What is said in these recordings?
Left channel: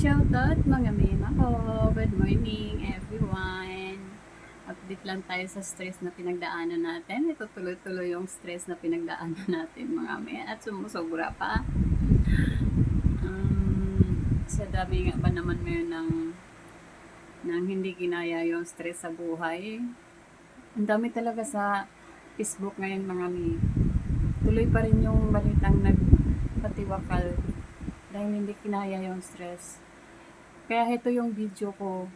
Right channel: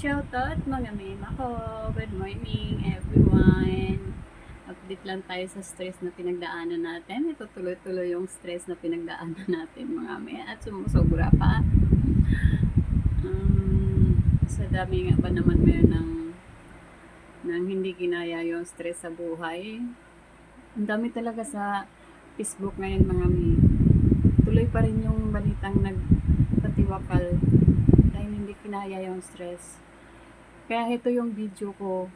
Shoutout mga meme ako. Good morning everyone. Update lang tayo sa stress na pinagdaanan natin. Ito tuloy-tuloy yung stress na pinagdaanan natin mga meme. At sumusobra pa. Sa dami nga ba naman ngayon ng hindi kinaya yung stress sa buhay. Ang dami talaga sa Facebook ngayon mga meme. Tuloy pa rin yung balitang nagpatiwakal dahil hindi kinaya yung stress. Kaya ito yung video ko.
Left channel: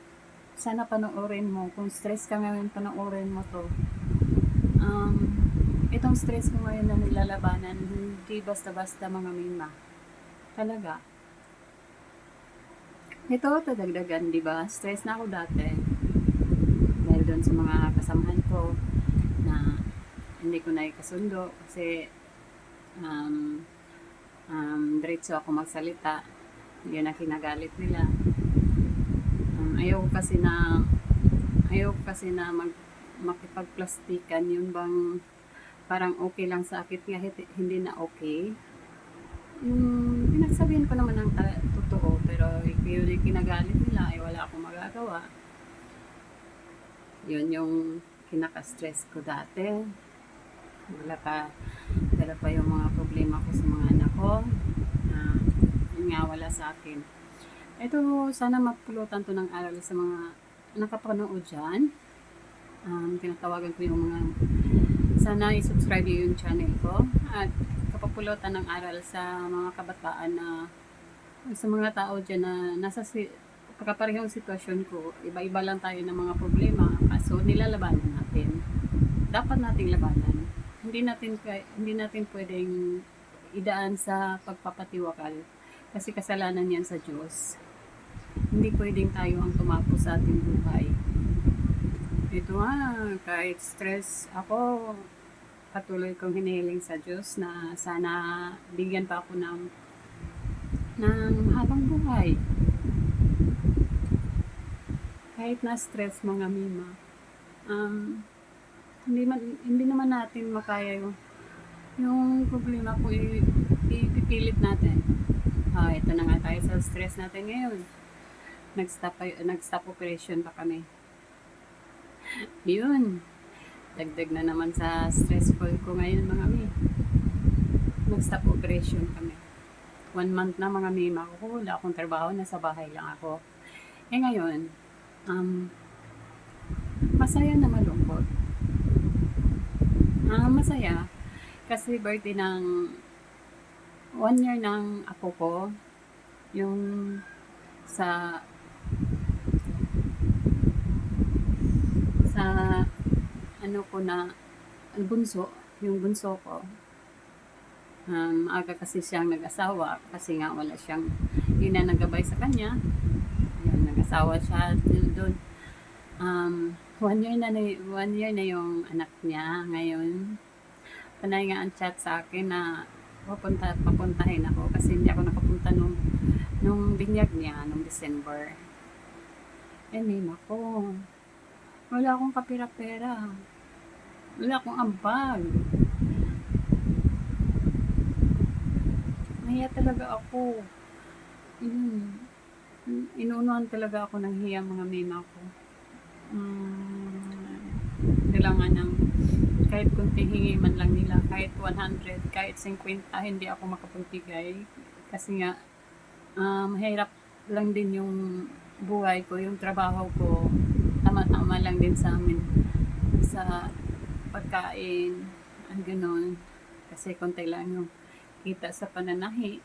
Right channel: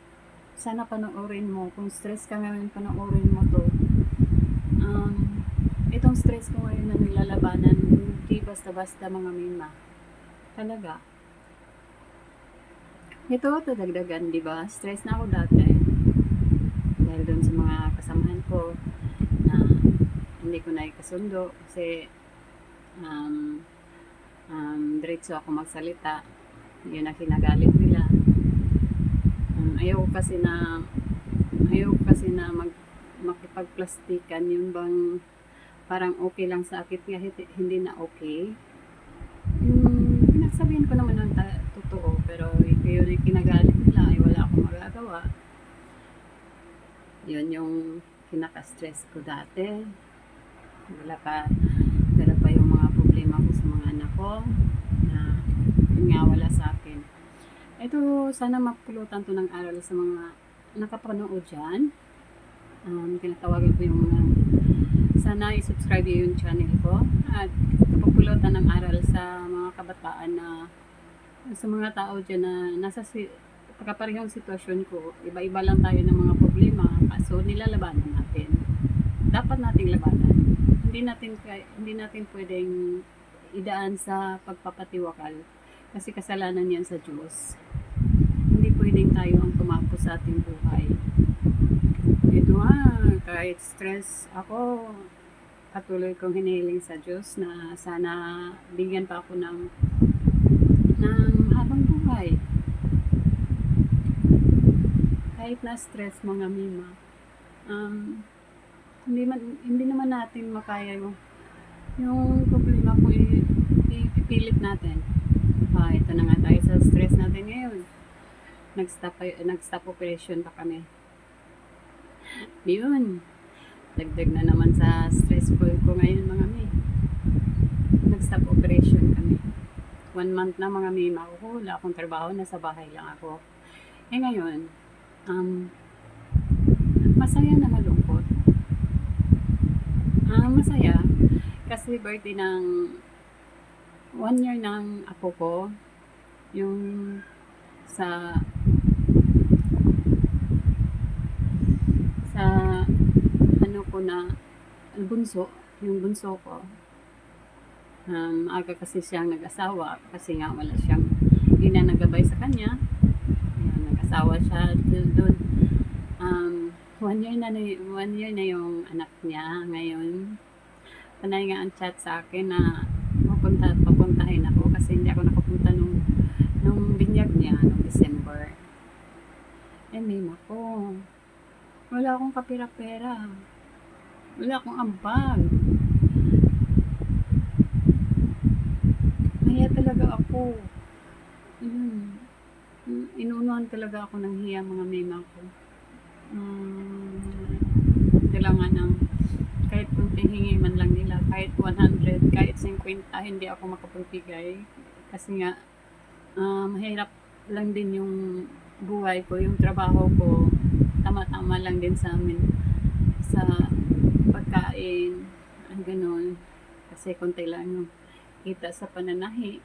Sana panoorin mo. Kung stress ka ngayon, panoorin mo to. Itong stress ko ngayon na nilalabanan, hindi basta-basta mga mima. Talaga. Ito, dagdagan, di ba? Stress na ako dati. Dahil doon sa mga kasamahan ko na hindi ko na ikasundo kasi diretso ako magsalita. Yun ang kinagalit nila. Ayaw kasi na makipagplastikan, yun bang parang okay lang sa akin nga hindi na okay. Yung pinagsabihin ko naman ng totoo, pero yun yung kinagalit nila, ay wala akong magagawa. Yun yung kinaka-stress ko dati. Dala pa yung mga problema ko sa mga anak ko na yun nga wala sa akin. Ito, sana mapulutan to ng aral sa mga nakapanood dyan. Tinatawagan ko yung mga sana i-subscribe yung channel ko at kapapulutan ng aral sa mga kabataan na sa mga tao dyan na nasa pagkaparehong sitwasyon ko. Iba-iba lang tayo ng mga problema, kaso nilalabanan natin. Dapat nating labanan. Hindi natin pwedeng idaan sa pagpapatiwakal kasi kasalanan yan sa Diyos. Hindi pwedeng tayo ang tumapo sa ating buhay. Ito nga, kahit stress ako, patuloy kong hinihiling sa Diyos na sana bigyan pa ako ng habang buhay. Kahit na stress mga mima, hindi naman natin makaya yung problema ko ipipilit natin. Ito na nga tayo sa stress natin ngayon. Nag-stop operation pa kami. Yun. Dagdag na naman sa stressful ko ngayon mga mi. Nag-stop operation kami. 1 month na mga mima ko. Wala akong trabaho. Nasa bahay lang ako. Ngayon, masaya na malungkot. Masaya. Kasi birthday ng 1 year ng apo ko. Yung sa ano ko na bunso, yung bunso ko. Aga kasi siyang nag-asawa kasi nga wala siyang ginanagabay sa kanya. Ayan, nag-asawa siya doon. 1 year na yung anak niya ngayon. Panay nga ang chat sa akin na papuntahin ako kasi hindi ako nakapunta nung binyag niya nung December. Mima ko, wala akong kapira-pera, wala akong ambag, nahiya talaga ako. Inuunuhan talaga ako ng hiya mga mima ko. Kailangan ng kahit kunting hingi man lang nila, kahit 100, kahit 50, hindi ako makapagbigay kasi nga mahirap lang din yung buhay ko, yung trabaho ko tama-tama lang din sa amin sa pagkain, ganun, kasi konti lang yung kita sa pananahi,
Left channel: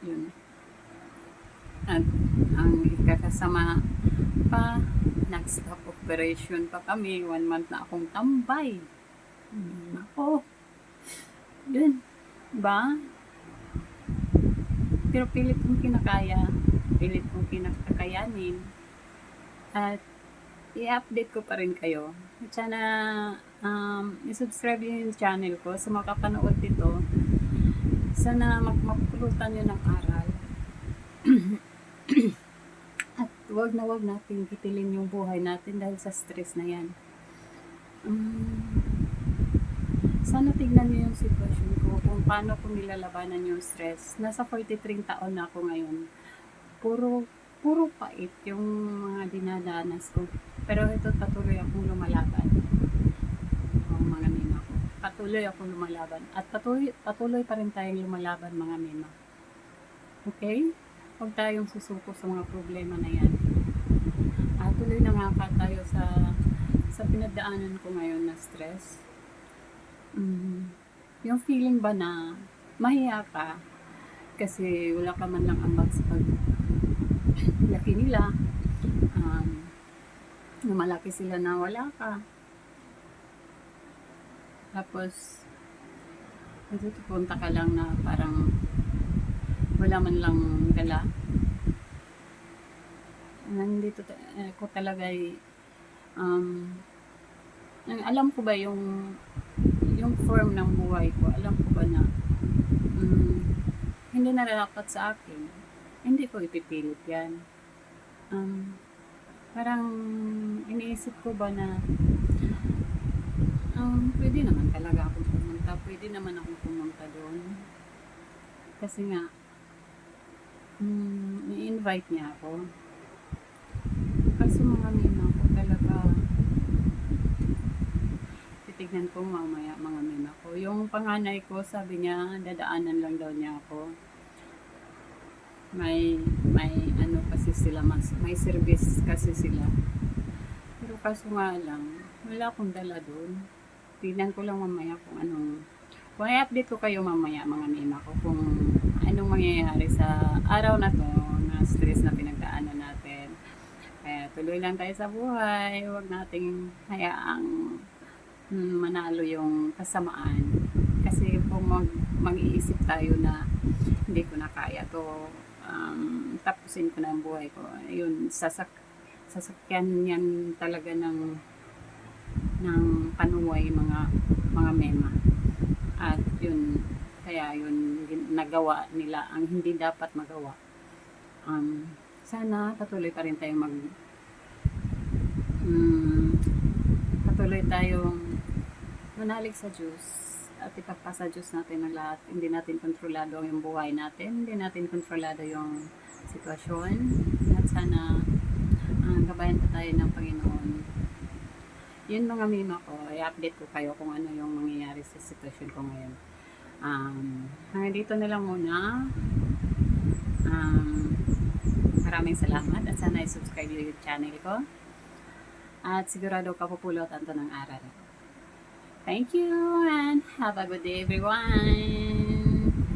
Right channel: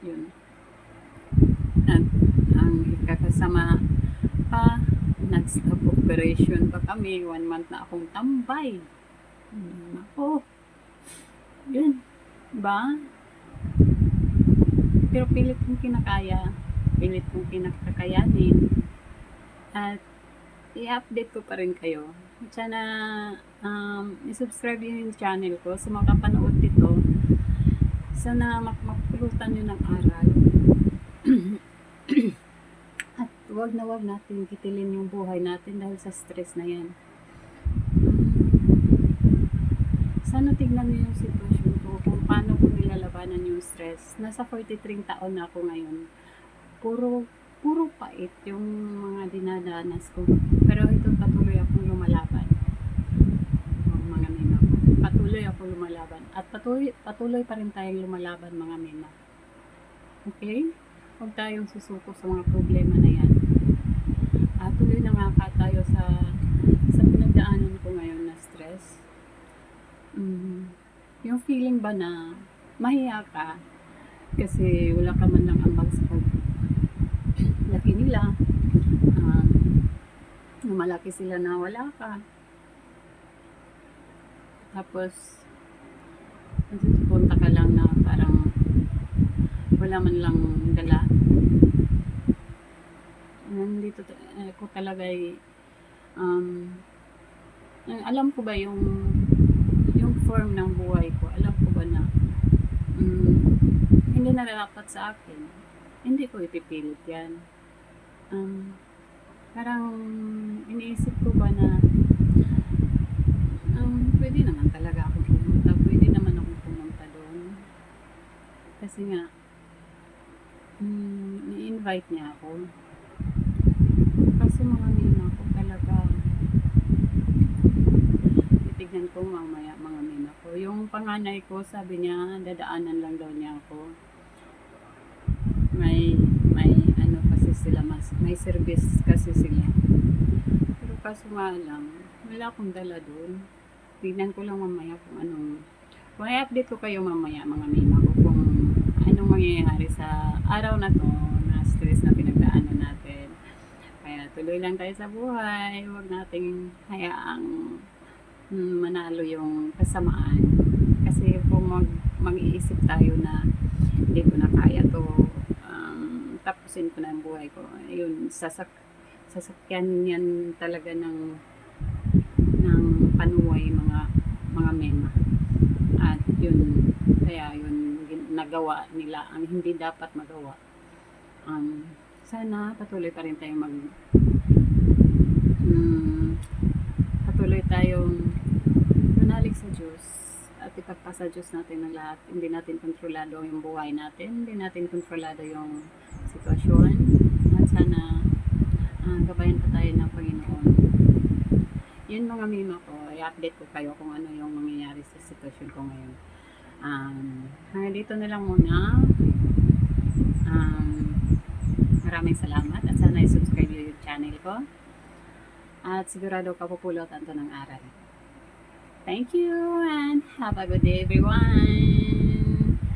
yun. At ang ikakasama pa, nag-stop operation pa kami, 1 month na akong tambay. Ako, yun, ba? Pero pilit kong kinakaya, pilit kong kinakakayanin, at i-update ko pa rin kayo. At sana i-subscribe yung channel ko sa mga kapanood dito. Sana mapulutan nyo ng aral. At wag natin kitilin yung buhay natin dahil sa stress na yan. Sana tignan nyo yung sitwasyon ko kung paano ko nilalabanan yung stress. Nasa 43 taon na ako ngayon. Puro puro pait yung mga dinadanas ko. Pero ito patuloy akong lumalaban. Ang mga mima ko. Patuloy akong lumalaban. At patuloy pa rin tayong lumalaban mga mima. Okay? Huwag tayong susuko sa mga problema na yan. Tuloy na nga ka tayo sa pinagdaanan ko ngayon na stress. Yung feeling ba na mahiya ka kasi wala ka man lang ambag sa paglaki nila, na malaki sila na wala ka. Tapos punta ka lang na parang wala man lang dala. Nandito ko talaga alam ko ba yung form ng buhay ko, alam ko ba na hindi na dapat sa akin, hindi ko ipipilit yan. Parang iniisip ko ba na pwede naman talaga akong pumunta, pwede naman akong pumunta doon kasi nga ni-invite niya ako. Kaso mga mima ko talaga, titignan ko mamaya mga mima ko. Yung panganay ko, sabi niya, dadaanan lang daw niya ako. May ano kasi sila, may service kasi sila. Pero kaso nga lang, wala akong dala doon. Tignan ko lang mamaya kung anong, kung i-update ko kayo mamaya mga mima ko kung anong mangyayari sa araw na to, na stress na pinagdaanan natin. Kaya tuloy lang tayo sa buhay, huwag nating hayaang manalo yung kasamaan. Kasi kung mag-iisip tayo na hindi ko na kaya to, tapusin ko na ang buhay ko, yun, sasakyan yan talaga ng panuway mga mema. At yun, kaya yun nagawa nila ang hindi dapat magawa. Sana patuloy pa rin tayong patuloy tayong manalig sa Diyos at ipagpasa Diyos natin ang lahat. Hindi natin kontrolado yung buhay natin, hindi natin kontrolado yung sitwasyon, at sana gabayan pa tayo ng Panginoon. Yun mga mima ko, i-update ko kayo kung ano yung mangyayari sa sitwasyon ko ngayon. Hanggang dito na lang muna. Maraming salamat at sana i-subscribe yung channel ko. At sigurado kapupulutan to ng aral. Thank you and have a good day everyone.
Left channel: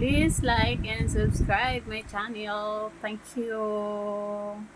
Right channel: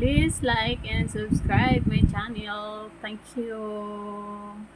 Please like and subscribe my channel. Thank you.